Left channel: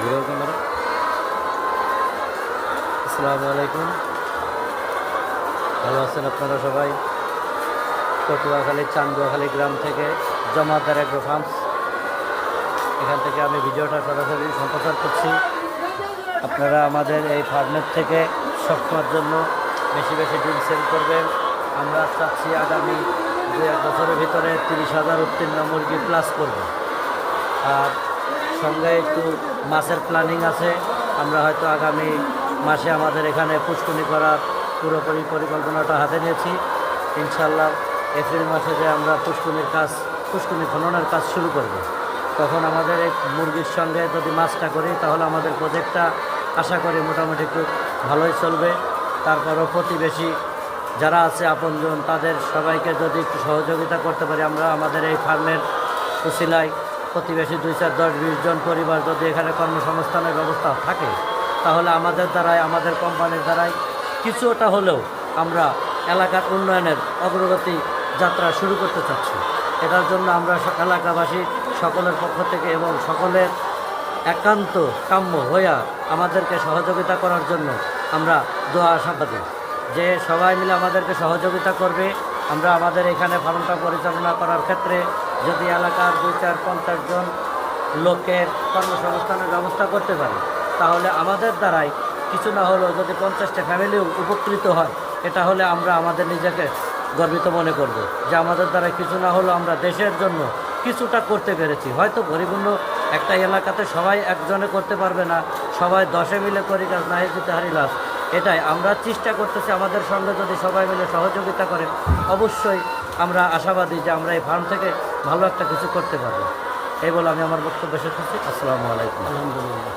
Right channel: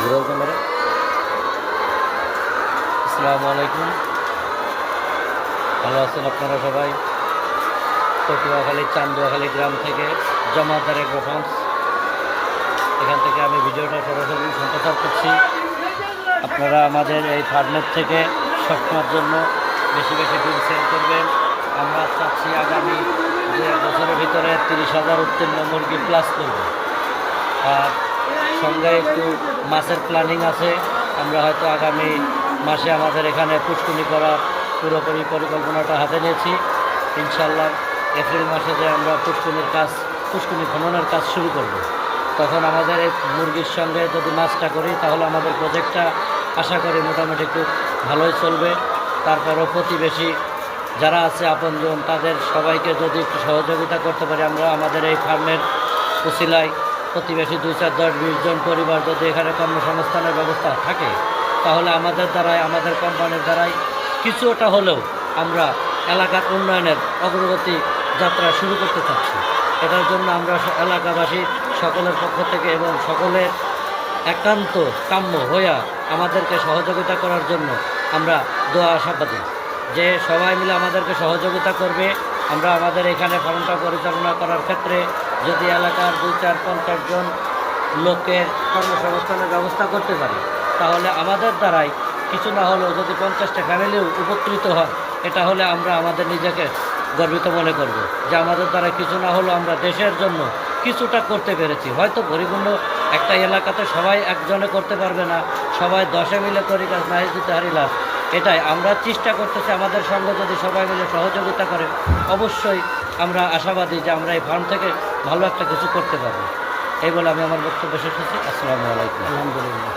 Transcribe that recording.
ঘুরাও camera. আসসালামু আলাইকুম, ভালো আছেন আপনারা সবাই? পটুয়াখালী চান্দুয়াখালী গ্রাম থেকে জমাদার এগ্রো ফার্মস, এখান থেকে আমি ভিডিওটা সরাসরি সম্প্রচার করছি। আপনারা আমাদের এই ফার্মের থেকে সবসময়ের জন্য বেশি বেশি ডিম সেল করবেন। আমরা চাচ্ছি আগামী 2-1 বছরের ভিতরে 30,000 উত্তীর্ণ মুরগি প্লাস করব। আর সঙ্গে একটু মাছের প্ল্যানিং আছে। আমরা হয়তো আগামী মাসে আমাদের এখানে পুষ্কুনি করার পুরোপুরি পরিকল্পনাটা হাতে নিয়েছি। ইনশাল্লাহ এপ্রিল মাসে যে আমরা পুষ্কুনি খননের কাজ শুরু করব। তখন আমাদের এই মুরগির সঙ্গে যদি মাছটা করি তাহলে আমাদের প্রজেক্টটা আশা করি মোটামুটি একটু ভালোই চলবে। তারপরও প্রতিবেশী যারা আছে আপনজন, তাদের সবাইকে যদি একটু সহযোগিতা করতে পারি আমরা আমাদের এই ফার্মের উসিলায় প্রতিবেশী 2-4-10-20 জন পরিবার যদি এখানে কর্মসংস্থানের ব্যবস্থা থাকে, তাহলে আমাদের দ্বারাই, আমাদের কোম্পানির দ্বারাই কিছুটা হলেও আমরা এলাকার উন্নয়নের অগ্রগতি যাত্রা শুরু করতে চাচ্ছি। এটার জন্য আমরা এলাকাবাসী সকলের পক্ষ থেকে এবং সকলের একান্ত কাম্য হইয়া আমাদেরকে সহযোগিতা করার জন্য আমরা দোয়া আশাবাদী যে সবাই মিলে আমাদেরকে সহযোগিতা করবে। আমরা আমাদের এখানে ফার্মটা পরিচালনা করার ক্ষেত্রে যদি এলাকার 2-4-50 জন লোকের কর্মসংস্থানের ব্যবস্থা করতে পারি, তাহলে আমাদের দ্বারাই কিছু না হলেও যদি 50টা ফ্যামিলিও উপকৃত হয়, এটা হলে আমরা আমাদের নিজেকে গর্বিত মনে করব যে আমাদের দ্বারা কিছু না হলেও আমরা দেশের জন্য কিছুটা করতে পেরেছি। হয়তো পরিপূর্ণ একটা এলাকাতে সবাই একজনে করতে পারবে না, সবাই 10 মিলে করি কাজ না দিতে হারিলাস। এটাই আমরা চেষ্টা করতেছি। আমাদের সঙ্গে যদি সবাই মিলে সহযোগিতা করে, অবশ্যই আমরা আশাবাদী যে আমরা এই ফার্ম থেকে ভালো একটা কিছু করতে পারবো। এই বলে আমি আমার বক্তব্য শেষ করছি। আসসালামু আলাইকুম। আলহামদুলিল্লাহ।